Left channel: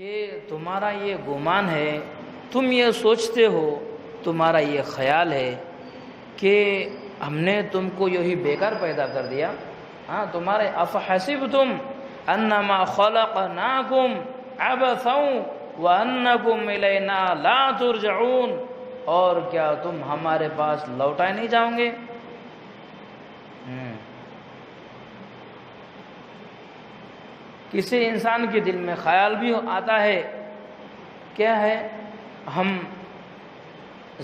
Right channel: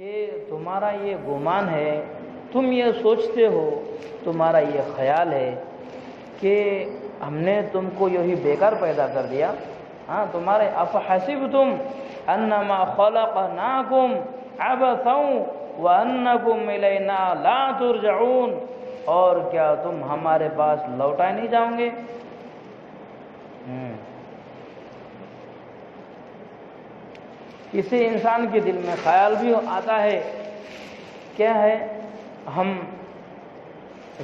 کہ تمہارا یہ گمان ہے، تم یہ سوچتے ہو، تمہارا یہ خیال ہے کہ ہم نے تم کو یہی بیکار پیدا کر دیا. ہاں، تمہارے افحسبتم انما خلقناکم عبثا وانکم الینا لا ترجعون، اور کیا تم ہمارے پاس لوٹائے نہیں جاؤ گے؟ کسی انسان کے دل میں خیال بھی آتا ہے، کیا ہے، ہم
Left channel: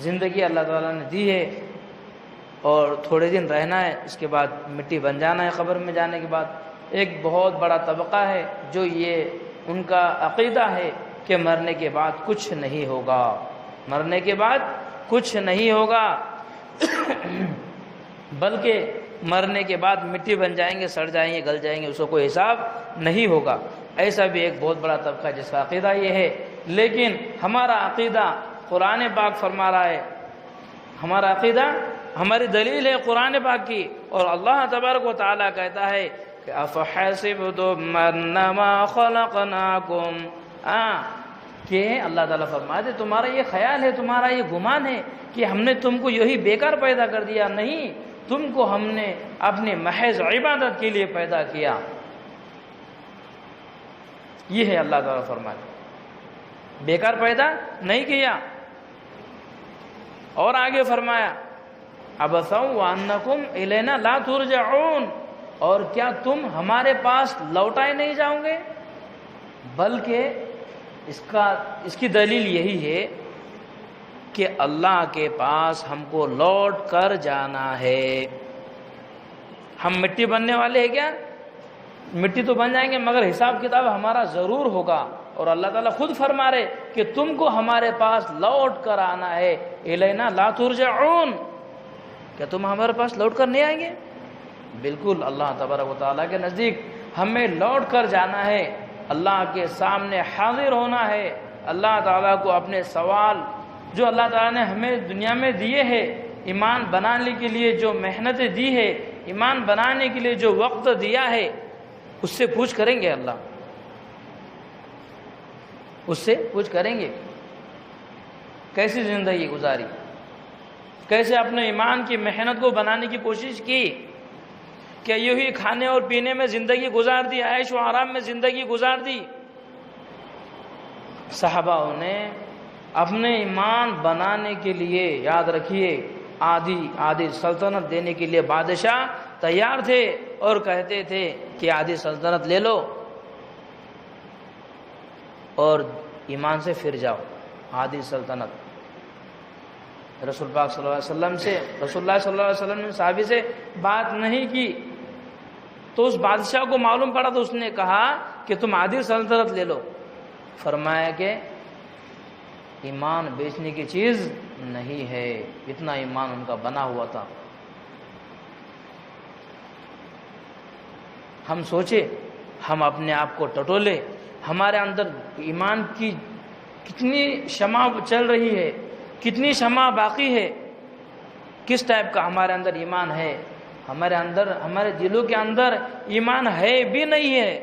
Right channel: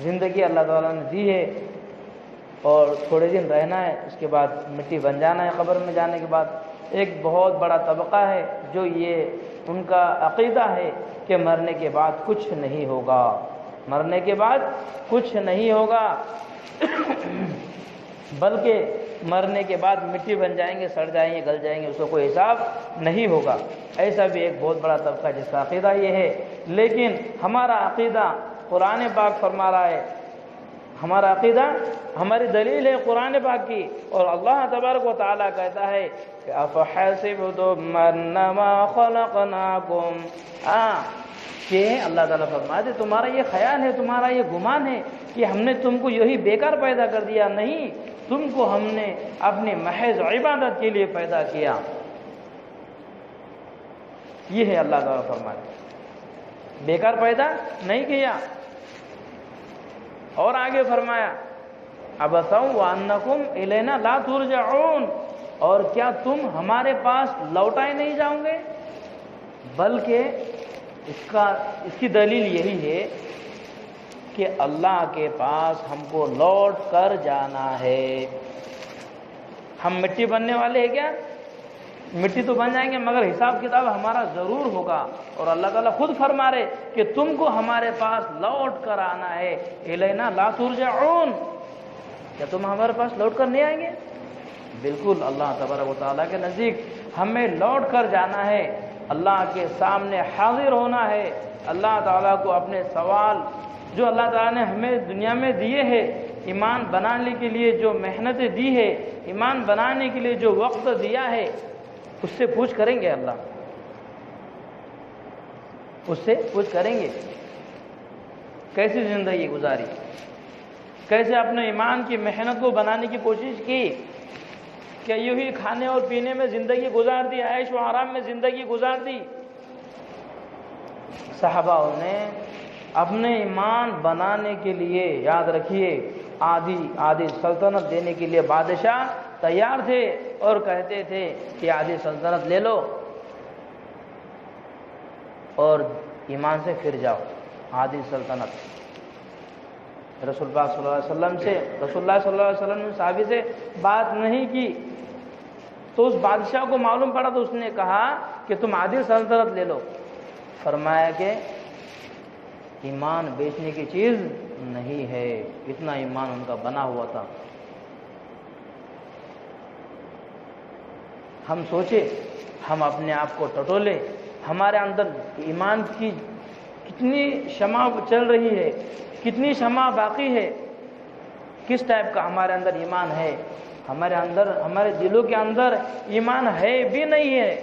زندگی اللہ تعالیٰ نے دی ہے اور تھوڑے دن رہنا ہے، اس کے بعد مٹی بن جانا ہے. قبر میں جانے کے بعد ایک بہت بڑا طبقہ ہے جو یہ ان کا عقیدہ ہے کہ مرنے کے بعد کچھ نہیں ہوگا، مرنے کے بعد کچھ نہیں ہوگا، بلکہ مرنے کے بعد مٹی بن جائیں گے، سڑ جائیں گے، گل جائیں گے، اس کو کوئی حساب نہیں ہوگا. ایسا بھی ایک بہت بڑا طبقہ جس کا عقیدہ یہ ہے. لیکن ہمارا عقیدہ قرآن پاک فرما رہا ہے، ہمارا عقیدہ، ہماری دلیل ہے قرآن پاک کی، اور اللہ تبارک و تعالیٰ کہتا ہے کہ افحسبتم انما خلقناکم، کہ اللہ تعالیٰ فرماتے تمہارا یہ خیال ہے، تمہارا یہ گمان ہے کہ ہم نے تم کو یہی بیکار پیدا کر دیا. نہیں، تم کو ہم نے اپنے محض عبادت کے لیے پیدا کیا. یہ ہے اللہ تعالیٰ فرماتے، بیکار پیدا نہیں کیا. اور آگے فرمایا عبثا وانکم الینا لا ترجعون، اور کیا تم ہمارے پاس لوٹائے نہیں جاؤ گے؟ بلکہ اس کی دلیل یہی ہے کہ اللہ کے پاس ہم کو لوٹ کر جانا ہے. ہم مٹی بننے والے ہیں کیا؟ مٹی تو بن جائیں گے، مگر حساب کتاب ہمارا ضرور ہوگا. اور اللہ تعالیٰ خود فرما رہے کہ تم کو ہمارے پاس لوٹ کر آنا ہے. الینا لا ترجعون، کیا تم ہمارے پاس لوٹ کر نہیں آئیں گے؟ بالکل، اللہ تبارک و تعالیٰ کے نزدیک ہمیں لوٹ کر جانا ہے، اللہ کے سامنے حاضر ہونا ہے. اللہ تعالیٰ کو اپنے سوال جو اللہ تعالیٰ نے ہمیں دنیا میں دیے ہیں، ایمان بنانے کے لیے جو محنتیں دی ہے، ایمان بنانے کے لیے جو وقت دیا ہے، اس سے پوچھ کریں گے. اللہ اس سے پوچھ کریں گے کیسی زندگی گزاری، کیسے اپنے ایمان کی محنت کو بنانے کی کوشش کی، کیا یوں ہی کھانے اور پینے میں زندگی گزار دی، عیش و آرام میں زندگی گزار دی؟ صحابہ نے اپنے ایمان بنانے کے لیے، یاد رکھیے، آدھی سلطنت دینے کے لیے بادشاہ تیار تھے اور کہتے تھے کہ آدھی سلطنت لے لو اور ایمان سے پھر جاؤ. آدھی سلطنت رسول پاک صلی اللہ علیہ وسلم سے، رسول اللہ صلی اللہ علیہ وسلم نے صحابی سے بات نہیں کی تو اس بادشاہ کو معلوم پڑا تو اس نے کہا کہ تم آدھی سلطنت لے لو. فرمایا کہ ایمان بیچنے کی چیز نہیں ہے، اتنا ایمان ان کا بنا ہوا تھا. ہم سوچے، ہم اپنے آپ کو ٹٹولے، ہمارے اندر ایمان کی کتنی شمع چل رہی ہے، کتنی شمع باقی ہے، کس ٹائپ کا ہمارے اندر ایمان ہے. ہمارے دلوں کے اندر ایمان ہے بھی نہیں ہے.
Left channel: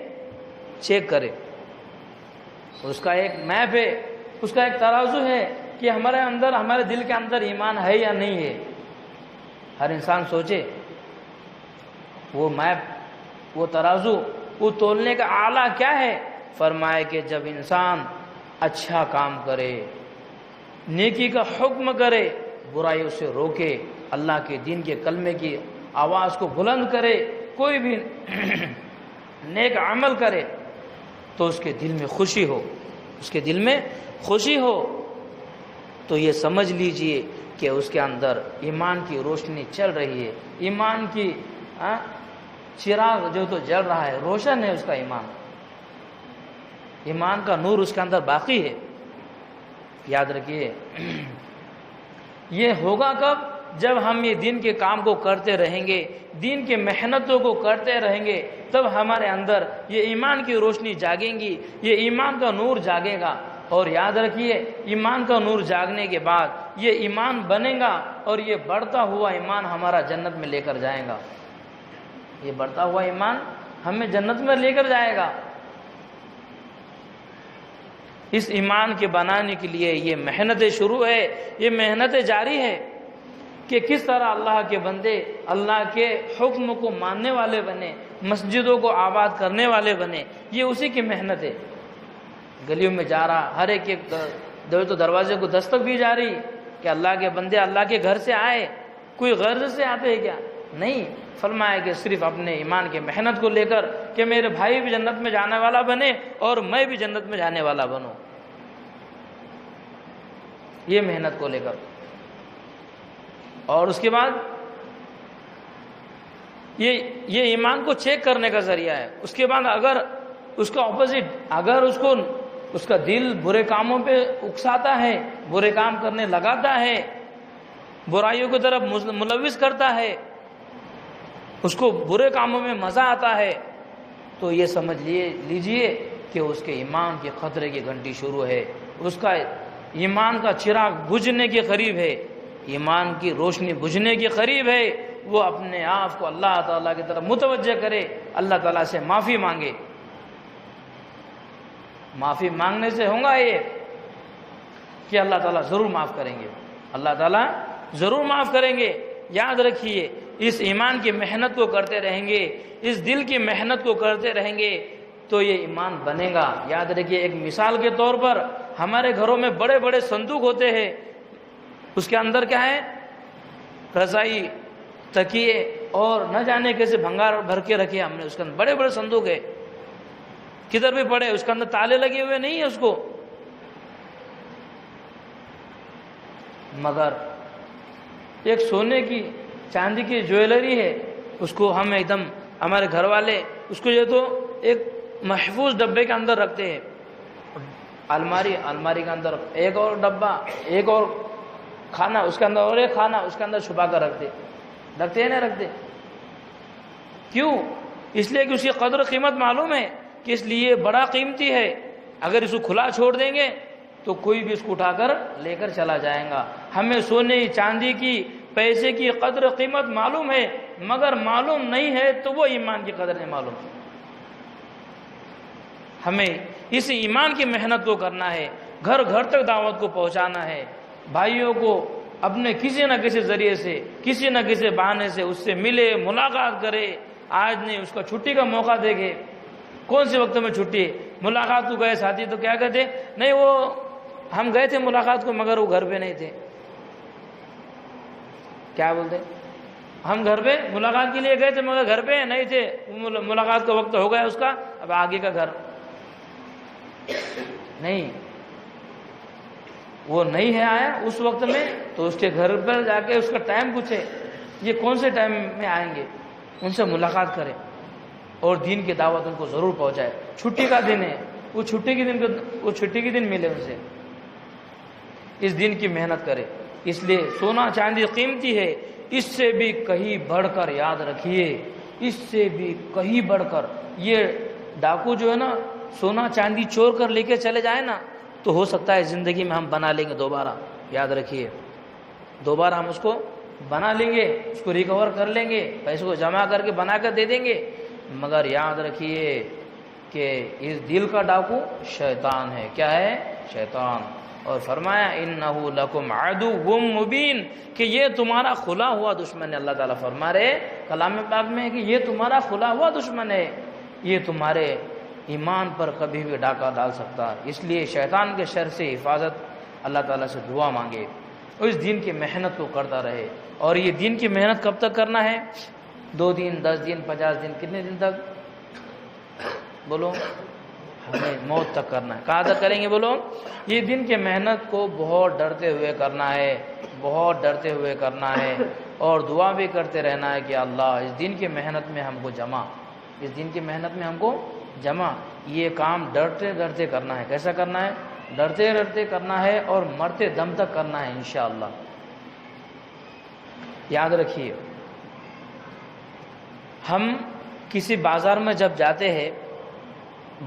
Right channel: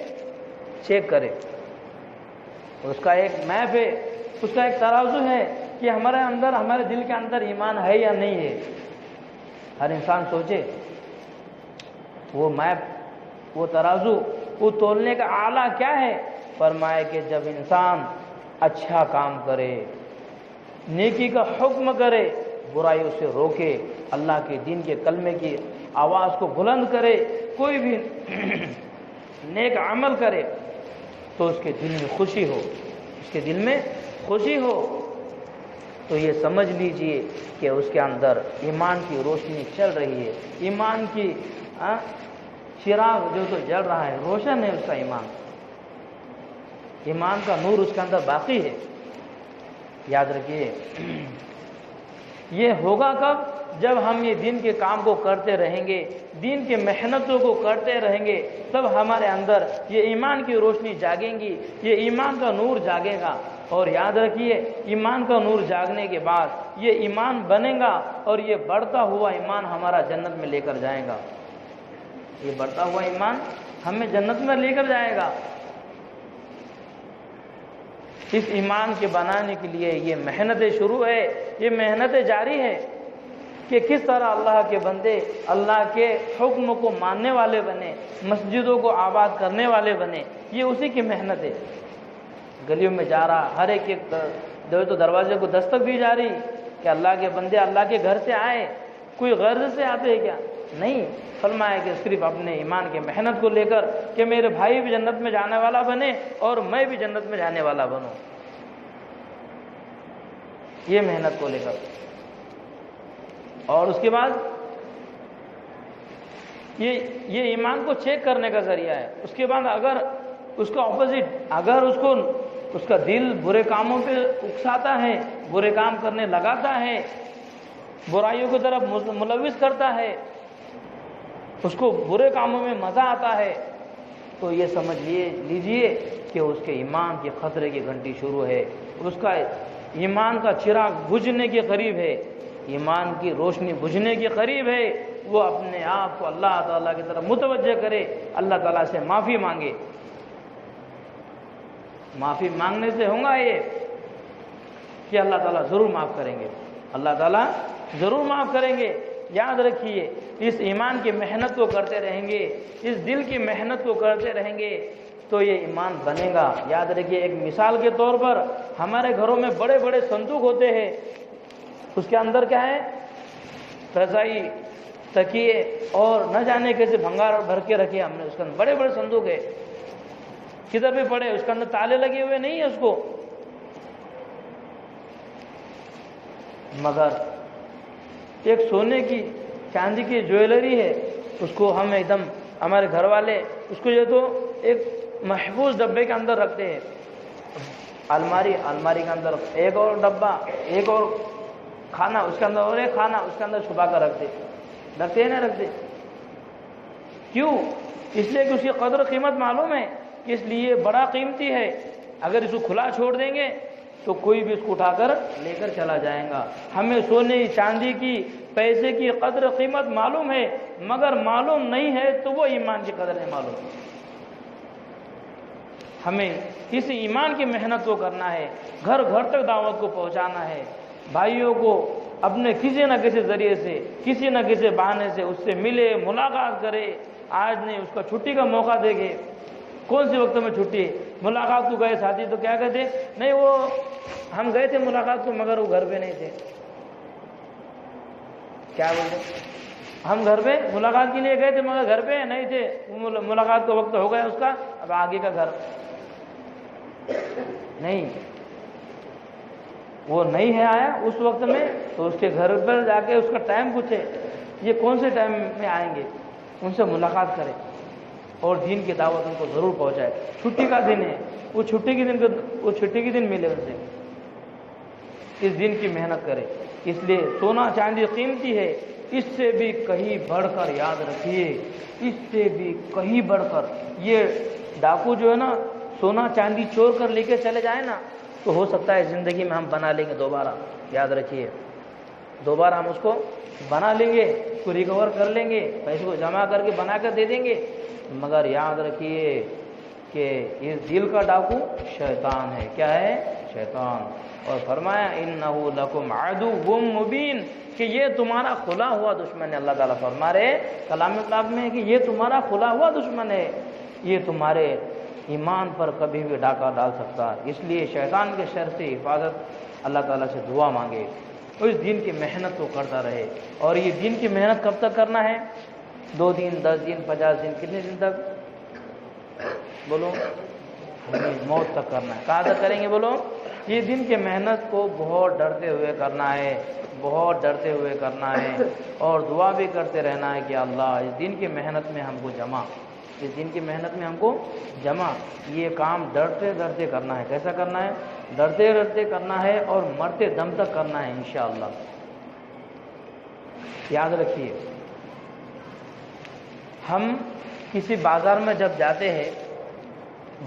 چیک کرے، اس کا ایک میپ ہے، اس کا ایک ترازو ہے کہ ہمارے دل کے اندر ایمان ہے یا نہیں ہے. ہر انسان سوچے، وہ میپ، وہ ترازو، وہ تولنے کا آلہ کیا ہے؟ فرمائے کہ جب انسان اچھا کام کرے، نیکی کا حکم کرے، برائی سے روکے، اللہ کے دین کے کلمے کی آواز کو بلند کرے، کوئی بھی نیک عمل کرے تو اس کے دل میں خوشی ہو، اس کے دل میں خوشی ہو، تو یہ سمجھ لیجئے کہ اس کے اندر ایمان کی روشنی چل رہی ہے. ایمان کی چراغ جو تو جل رہا ہے، روشن ہے اس کا ایمان، ایمان کا نور اس کے اندر باقی ہے. یاد رکھیے، یہ ہوگا کب؟ جب ہم یہ دین کے کام کو کرتے رہیں گے، دین کی محنتوں کو کرتے رہیں گے، تب ہمارے اندر یہ ایمان کی روشنی جاگیں گی، یہ ایمان کا نور جاگے گا. اور یاد رکھیے، ایمان کا نور جاگنے کے بعد یہ ایمان بنے گا اور یہ بڑھتا ہوا ایمان ہمارا جنت میں لے کر جائے گا. یہ بڑھتا ہوا ایمان ہمیں جنت میں لے کر جائے گا. اس ایمان کے بنانے کے لیے یہ محنتیں شروع ہے، یہ محنتیں جاری ہے کہ کس طرح اللہ کے بندے اللہ کے حکم کو ماننے والے بنے، مسجدوں کو آباد کرنے والے بنے. یہ اسی کی محنت ہے. گلیوں میں جا رہا، ہر ایک تو دروازے کو دستک دی جا رہی کہ اللہ کے بندے اللہ کے گھر سے آئے. کوئی غرض سے آتے ہیں کیا؟ نہیں. فرمایا کہ صرف اپنے ایمان کی محنت کو لے کر کہ میرے بھائی بھی جنت میں جانے والا بنے اور میں بھی جنت میں جانے والا بنوں، یہ محنت کو لے کر. اور اس کے بعد یہ ایمان کو چیک کرنے کا ذریعہ ہے. اس کے بعد اگر اس کا اپوزٹ، اگر اس کا دل برے کاموں پہ اکساتا ہے، برے کام کرنے لگاتا ہے، برائیوں کی طرف ملوث کرتا ہے، اس کو برے کاموں میں مزہ آتا ہے، تو یہ سمجھ لیجئے کہ اس کے ایمان کے خطرے کی گھنٹی شروع ہے. اس کا ایمان کا چراغ بجھنے کے قریب ہے، ایمان کی روشنی بجھنے کے قریب ہے. وہ اپنے آپ کو اللہ تعالیٰ کی طرف متوجہ کرے، اللہ تعالیٰ سے معافی مانگے. معافی مانگنے سے ہوگا یہ کہ اللہ تعالیٰ ضرور معاف کریں گے، اللہ تعالیٰ ضرور معاف کریں گے. یاد رکھیے، اس ایمان کی محنت کو کرتے رہیں گے، اس دل کی محنت کو کرتے رہیں گے تو یہ ایمان بنے گا. یاد رکھیے، ایک مثال کے طور پر ہمارے گھروں میں بڑے بڑے صندوق ہوتے ہیں، اس کے اندر کیا ہے؟ رضائی، تکیے اور نہ جانے کیسے بھنگار بھر کے رکھے ہم نے. اس کے اندر بڑے بڑے صندوق ہے، کدھر بھی پڑے، اس کے اندر تالے لگے ہوئے نہیں ہیں اس کو. مگر ایک سونے کی چاندی کی جویلری ہے، اس کو ہم ایک دم ہمارے گھر والے اس کو جو تو ایک محفوظ ڈبے کے اندر رکھتے ہیں. الماری کے اندر ایک اور ڈبہ، ایک اور کھانا اس کے اندر، اور ایک کھانا اس کے اندر چھپا کر رکھتے ہیں نہیں رکھتے. کیوں؟ اس لیے کہ اس کی قدر قیمت معلوم ہے کہ اس لیے بڑا قیمتی ہے. اگر اس کو کھلا چھوڑ دیں گے تو کوئی بھی اس کو اٹھا کر لے کر چلا جائے گا. ہمیں سونے چاندی کی پیسے کی قدر قیمت معلوم ہے، مگر معلوم نہیں ہے تو وہ ایمان کی قدر نہیں معلوم. ہمیں اس ایمان کی محنت کو کرنا ہے، گھر گھر تک دعوت کو پہنچانا ہے، بھائیوں کو اپنے کسی نہ کسی ذریعے سے، کسی نہ کسی بہانے سے اس سے ملے، ملاقات کرے. آج نہیں، اس کا چھٹی کا موقع دے گے. کون سے وقت میں چھٹی؟ ملاقات کو گئے ساتھی تو کیا کہتے؟ نہیں، وہ ہم گئے تھے ملاقات کو مگر وہ گھر پہ نہیں تھے. کیا بولتے؟ ہم گھر پہ ملاقات کے لیے گئے تھے مگر گھر پہ نہیں تھے، ملاقات کا وقت ہو گیا اس کا، اب آگے کا گھر نہیں. وہ نہیں ہے آیا اس وقت میں تو اس کے گھر پر جا کے اس کا ٹائم پوچھے، یہ کون سے ٹائم میں آئیں گے، ان سے ملاقات کرے اور دین کی دعوت ان کو ضرور پہنچائے. چھٹی کا دن ہے، وہ چھٹی کے دن ملے اسے، اس دن کی محنت کرے. اس لیے سونا چاندی قیمتی ہے، اس سے بھی کہیں بڑھ کر یاد رکھیے، اس سے بھی کہیں بڑھ کر. یہ ڈاکو جو ہے نا، سونا چاندی چور کر لے کے چلے جائے نا تو ہو سکتا ہے زندگی میں ہم بنا لیں گے دوبارہ. یاد رکھیے، دوبارہ ہم اس کو بنا لیں گے، اس کو ریکور کر لیں گے، پیسے کو جمع کر کے بنا کر دے دیں گے. مگر یاد رکھیے کہ اس دل کا ڈاکو شیطان ہے. کیا ہے؟ شیطان. اور فرمایا انہو لکم عدو مبین، کہ یہ تمہارا کھلا ہوا دشمن ہے. اللہ تعالیٰ فرما رہے کلام پاک میں کہ یہ تمہارا کھلا ہوا دشمن ہے، یہ تمہارے ایمان پر کبھی بھی ڈاکہ ڈال سکتا. اس لیے شیطان کے شر سے حفاظت اللہ تعالیٰ سے دعا مانگے، تو اس دین کی محنت کو کرتا رہے. اور یہ دین کی محنت کب تک کرنا ہے؟ 2 دن، 10 دن، 50 دن، کتنے دن تک؟ بولو، موت تک کرنا ہے. کہاں تک کریں گے؟ بولو. یہ دن کی محنت کو بہت ڈرتے ہوئے کرنا ہے، بہت ڈرتے ہوئے کرنا ہے، اور دعا بھی کرتے رہنا ہے کہ اللہ اس دن کی محنت میں ہم کو جمع، اس دن کی محنت میں ہم کو جمع. یہ کام ڈرتے ڈرتے کرنا ہے. کیسا کرنا ہے؟ ڈرتے ڈرتے کرنا ہے اور مرتے دم تک کرنا ہے انشاءاللہ. یاد رکھیے، ہم کسی بازار میں جب جاتے ہیں،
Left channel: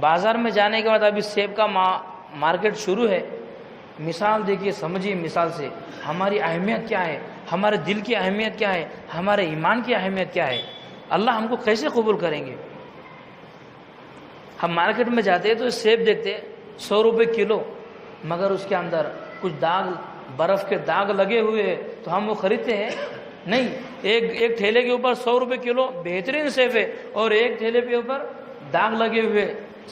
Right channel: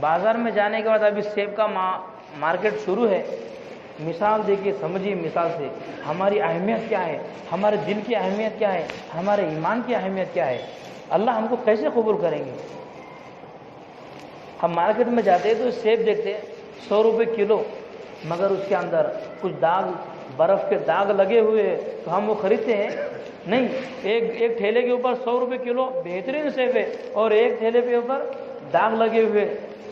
بازار میں جانے کے بعد ابھی سیب کا مارکیٹ شروع ہے. مثال دیکھیے، سمجھیے مثال سے ہماری اہمیت کیا ہے، ہمارے دل کی اہمیت کیا ہے، ہمارے ایمان کی اہمیت کیا ہے. اللہ ہم کو کیسے قبول کریں گے؟ ہم مارکیٹ میں جاتے ہیں تو سیب دیکھتے ہیں، 100 روپے کلو، مگر اس کے اندر کچھ داغ، برف کے داغ لگے ہوئے ہیں تو ہم وہ خریدتے ہیں نہیں۔ ایک ٹھیلے کے اوپر 100 روپے کلو بہترین سیب ہے، اور ایک ٹھیلے کے اوپر داغ لگے ہوئے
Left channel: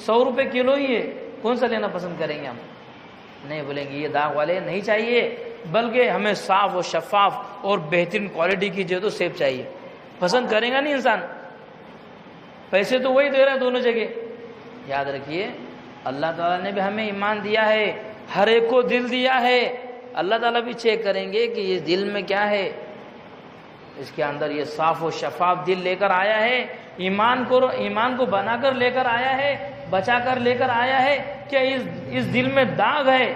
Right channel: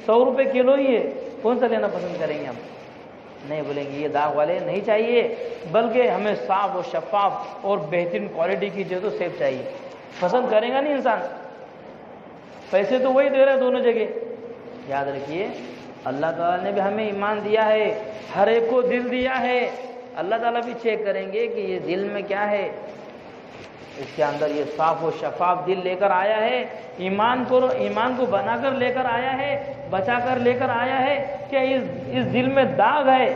100 روپے کلو ہی ہے، کون سا لینا پسند کریں گے ہم؟ نہیں، بولیں گے یہ داغ والے نہیں چاہیے، بلکہ ہمیں صاف و شفاف اور بہترین کوالٹی کی جو تو سیب چاہیے۔ پسند کریں گا نہیں انسان، پیسے تو وہی دے رہا ہے دونوں جگہ۔ یاد رکھیے اللہ تعالیٰ نے بھی ہمیں ایمان دیا ہے، ہر ایک کو دل دیا ہے، اللہ تعالیٰ بھی چیک کریں گے کہ یہ دل میں کیا ہے، اس کے اندر یہ صاف و شفاف دل لے کر آیا ہے، ایمان کو بنا کر لے کر آیا ہے، بچا کر لے کر آیا ہے، کیا اس دل میں داغ ہے؟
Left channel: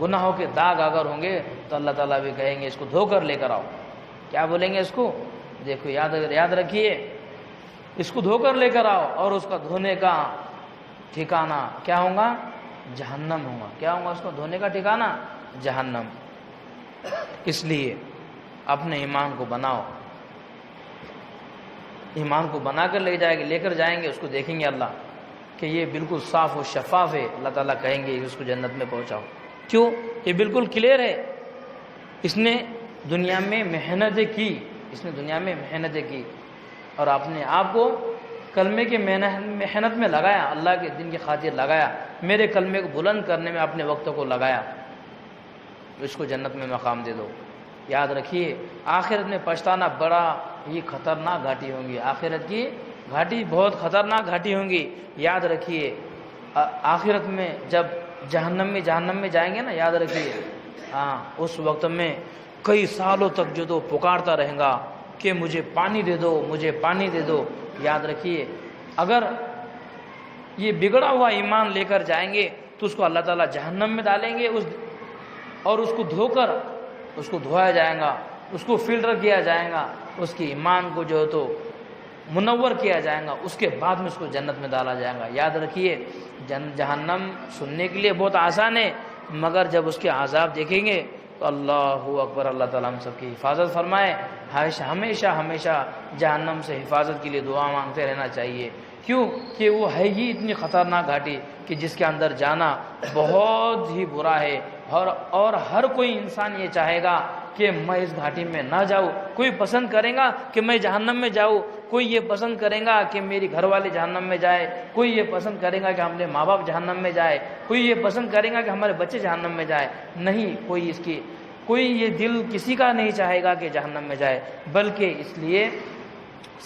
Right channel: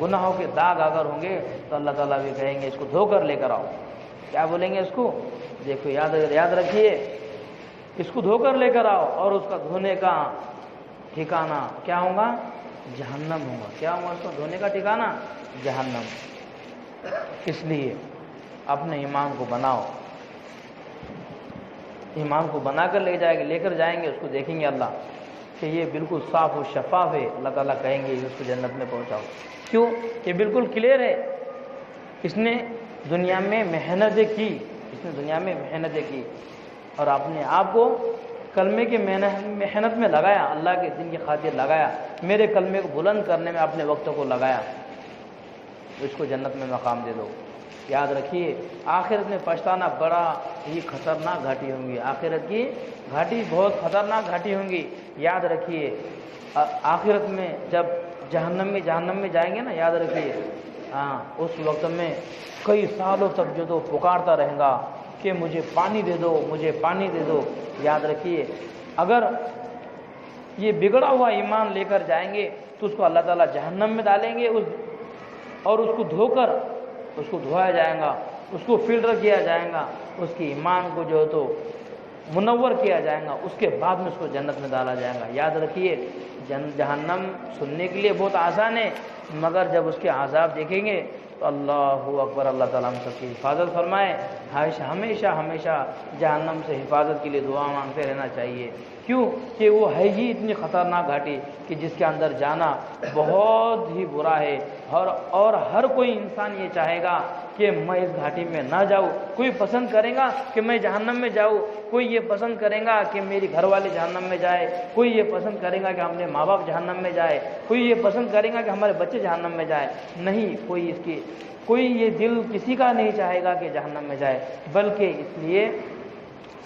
گناہوں کے داغ اگر ہوں گے تو اللہ تعالیٰ بھی کہیں گے اس کو دھو کر لے کر آؤ۔ کیا بولیں گے اس کو؟ دیکھو یاد رکھیے، اس کو دھو کر لے کر آؤ، اور اس کا دھونے کا ٹھکانہ کیا ہوگا؟ جہنم ہوگا۔ کیا ہوگا اس کو دھونے کا ٹھکانہ؟ جہنم۔ اس لیے اپنے ایمان کو بناؤ، ایمان کو بنا کر لے کر جائیں گے، اس کو دیکھیں گے اللہ کہ یہ بالکل صاف و شفاف ہے، اللہ تعالیٰ کہیں گے اس کو جنت میں پہنچاؤ۔ کیوں؟ یہ بالکل کلیئر ہے، اس نے دنیا میں محنتیں کی، اور اپنے آپ کو کلمے کی محنت میں لگایا، اللہ کے دین کی خاطر لگایا، میرے کلمے کو بلند کرنے میں اپنے وقت کو لگایا، تو اس کو جنت میں مقام دے دو۔ یاد رکھیے آخرت میں پچھتانا بڑا ہی خطرناک گھاٹی ہوں گی، آخرت کی گھاٹی بہت خطرناک گھاٹی ہوں گی۔ یاد رکھیے آخرت میں جب جہنم میں جائیں گے نا، یاد رکھیے اس وقت میں کئی سالوں تک جو تو پکارتا رہے گا کہ مجھے پانی دے دو، مجھے پانی دے دو۔ یاد رکھیے اگر یہ بگڑا ہوا ایمان لے کر جائیں گے تو اس کو اللہ تعالیٰ جہنم میں ڈالیں گے، اور اس کو دھو کر اس کو دھویا جائے گا، اس کو فلٹر کیا جائے گا، اس کی ایمان کو جو تو منور کیا جائے گا، اس کے بعد میں اس کو جنت میں ڈالا جائے گا۔ یاد رکھیے جہنم سننے کے لیے بہت آسان ہے، مگر جب اس کے عذاب دیکھیں گے تو اللہ اکبر، اللہ تعالیٰ ہم سب کی حفاظت فرمائے۔ ہمیشہ جہنم سے حفاظت کے لیے دعا مانگتے رہنا چاہیے، کیوں کہ وہ ہے ہی اتنی خطرناک گھاٹی کہ جس کے اندر جانا بہت ہی برا ہے، اور ہر کوئی انسان یہ چاہے گا کہ میں اس گھاٹی میں نہ جاؤں۔ کوئی پسند کرے گا کہ میں جہنم میں جاؤں، کوئی یہ پسند کرے گا کہ میری گھر والے جہنم میں جائے، کوئی یہ پسند کرے گا کہ ہمارے ماں باپ جہنم میں جائے، کوئی یہ پسند کرے گا کہ ہمارے بچے جہنم میں جائے۔ نہیں، کوئی یہ دل کسی کا نہیں چاہے گا کہ جہنم میں جائے، بلکہ اس لیے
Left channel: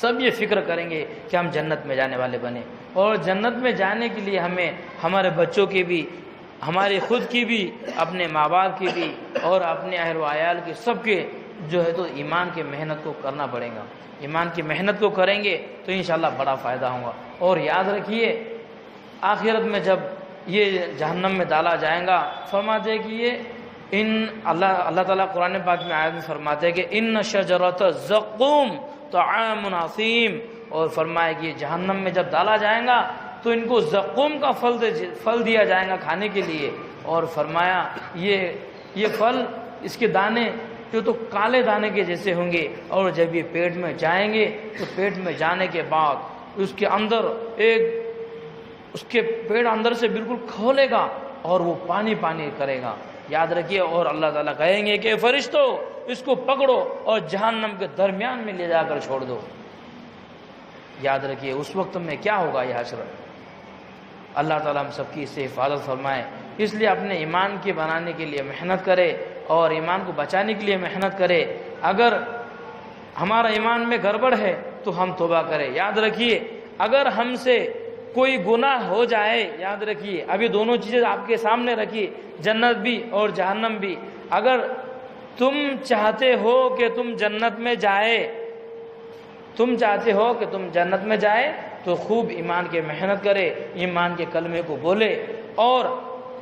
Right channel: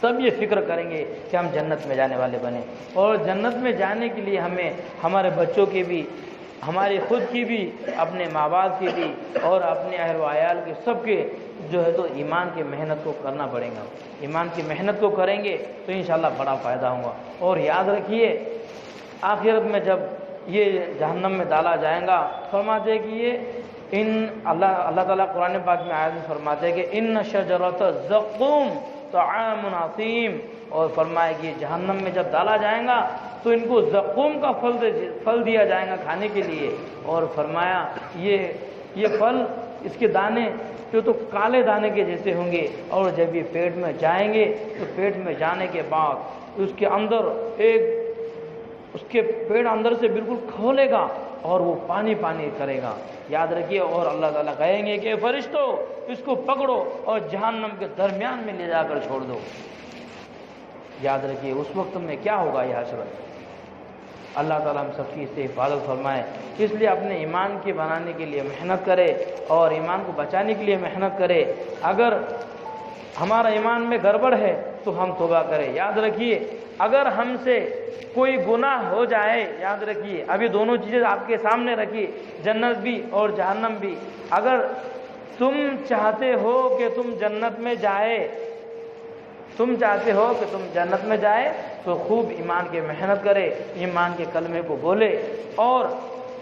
سب یہ فکر کریں گے کہ ہم جنت میں جانے والے بنیں، اور جنت میں جانے کے لیے ہمیں ہمارے بچوں کی بھی، ہمارے خود کی بھی، اپنے ماں باپ کی بھی، اور اپنے اہل و عیال کے سب کے جو ہے تو ایمان کی محنت کو کرنا پڑے گا۔ ایمان کی محنت کو کریں گے تو انشاءاللہ بڑا فائدہ ہوگا۔ اور یاد رکھیے آخرت میں جب یہ جہنم میں ڈالا جائے گا، فرماتے ہیں کہ یہ اللہ تعالیٰ قرآن پاک میں آیت میں فرماتے ہیں کہ ان شجرۃ الزقوم طعام عظیم، اور فرمایا کہ یہ جہنم میں جب ڈالا جائے گا تو ان کو زقوم کا پھل دیا جائے گا کھانے کے لیے، اور فرمایا یہ پھل، اس کے دانے جو تو کالے دانے کے جیسے ہوں گے، اور جب یہ پیٹ میں جائیں گے تو پیٹ میں جانے کے بعد اس کے پیٹ اندر سے بالکل کھولے گا اور وہ پانی کرے گا۔ یاد رکھیے، اور اللہ تعالیٰ کہیں گے کہ فرشتوں اس کو پکڑو اور جہنم کے درمیان میں لے جا کر چھوڑ دو۔ یاد رکھیے اس وقت میں کیا ہوگا یہ حسرت۔ اللہ تعالیٰ ہم سب کی اس سے حفاظت فرمائے۔ اس لیے اپنے ایمان کے بنانے کے لیے محنت کرے، اور ایمان کو بچانے کے لیے محنت کرے۔ اگر ہمارا ایمان میں گڑبڑ ہے تو ہم توبہ کریں۔ یاد رکھیے اگر ہم سے کوئی گناہ ہو جائے، یاد رکھیے ابھی دونوں چیزیں آپ کے سامنے رکھی، جنت بھی اور جہنم بھی۔ اگر تم چاہتے ہو کہ تم جنت میں جائے تو خوب ایمان کے محنت کرے، ایمان کے کلمے کو بولے، اور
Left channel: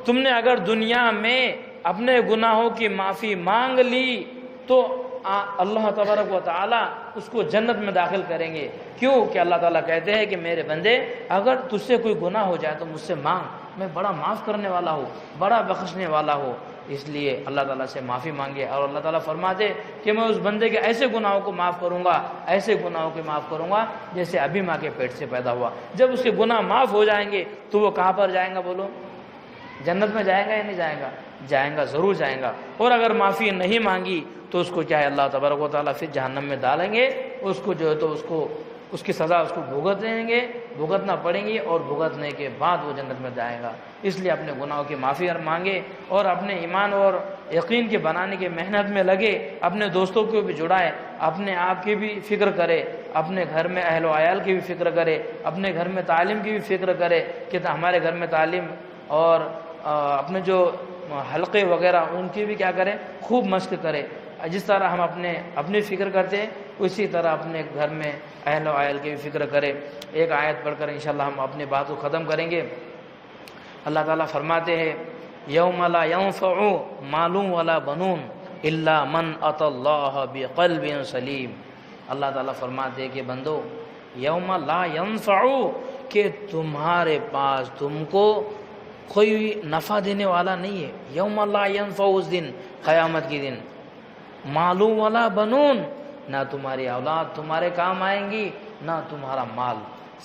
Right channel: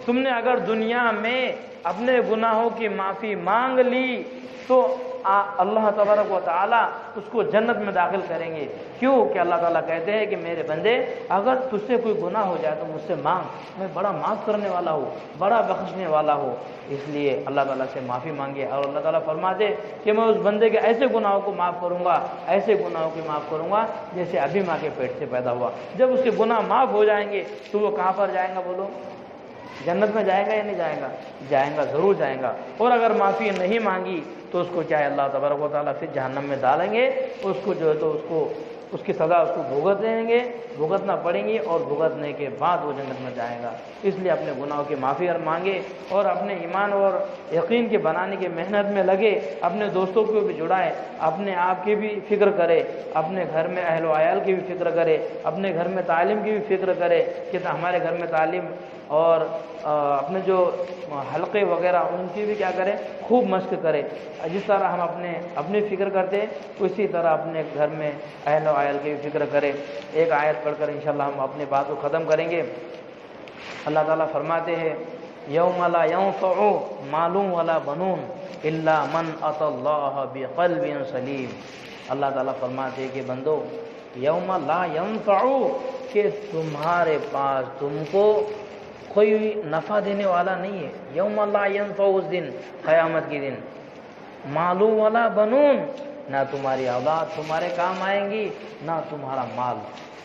تم نے اگر دنیا میں اپنے گناہوں کی معافی مانگ لی تو اللہ تبارک و تعالیٰ اس کو جنت میں داخل کریں گے. کیوں کہ اللہ تعالیٰ کہتے ہیں کہ میرے بندے اگر تجھ سے کوئی گناہ ہو جائے تو مجھ سے مانگ، میں بڑا معاف کرنے والا ہوں، بڑا بخشنے والا ہوں. اس لیے اللہ تعالیٰ سے معافی مانگے. اور اللہ تعالیٰ فرماتے کہ میں اس بندے کے ایسے گناہوں کو معاف کروں گا، ایسے گناہوں کو معاف کروں گا جیسے ابھی ماں کے پیٹ سے پیدا ہوا. جب اس کے گناہ معاف ہو جائیں گے تو وہ کہاں پر جائیں گا؟ بولو، جنت میں جائے گا یا نہیں جائے گا؟ جائیں گا، ضرور جائیں گا. اور اگر معافی نہیں مانگی تو اس کو کیا ہے اللہ تبارک و تعالیٰ پھر جہنم میں ڈالیں گے. اس کو جو ہے تو اس کی سزا اس کو بھگتنا پڑیں گی، اور بھگتنے کے بعد وہ جنت میں جائے گا. اس لیے اپنے گناہوں کی معافی اور مانگے، اور اپنے ایمان اور یقین کے بنانے کی محنت میں لگے. اپنے دوستوں کو بھی جڑائے، اپنے آپ کی بھی فکر کرے، اپنے گھر میں اہل و عیال کی بھی فکر کرے، اپنے گھر میں تعلیم کی بھی فکر کرے کہ ہمارے گھر میں تعلیم اور اپنے جو حلقے وغیرہ ان کی بھی کیا کریں، خوب مشق کرے. جس طرح ہم اپنی فکر کرتے ہیں اسی طرح اپنے گھر میں اہل و عیال کی بھی فکر کرے. ایک آیت پڑھ کر انشاءاللہ ہم اپنی بات کو ختم کریں گے. اللہ تعالیٰ فرماتے ہیں یوم لا ينفع مال ولا بنون الا من اتى الله بقلب سلیم. اللہ تعالیٰ فرماتے ہیں کہ بندو یوم لا ينفع، کہ تمہارے پاس تم کو کوئی نفع دینے والا نہیں ہے. یوم لا ينفع، اس دن قیامت کے دن، مالو ولا بنون، نہ تمہاری اولاد تمہارے کام آئیں گی، نہ تمہارا مال،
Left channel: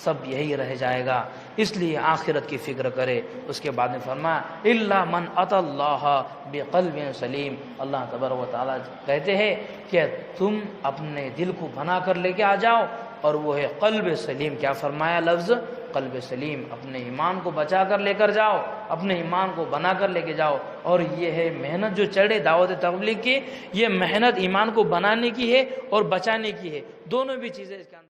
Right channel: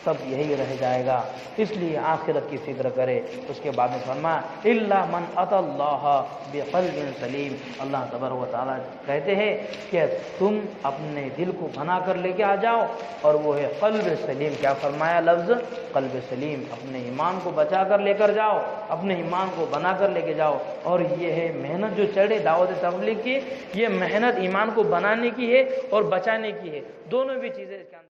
سب یہی رہ جائے گا. اس لیے آخرت کی فکر کرے. اس کے بعد میں فرمایا الا من اتى الله بقلب سلیم. اللہ تبارک و تعالیٰ کہتے ہیں کہ تم اپنے دل کو بنا کر لے کے آ جاؤ، اور وہ ہے قلب سلیم. کیا فرمایا لفظ؟ قلب سلیم. اپنے ایمان کو بچا کر لے کر جاؤ، اپنے ایمان کو بنا کر لے کے جاؤ. اور یہ ہے محنت جو چڑھے دعوت تبلیغ کی، یہ محنت ایمان کو بنانے کی ہے اور بچانے کی ہے. دونوں بھی چیزیں اس کے اندر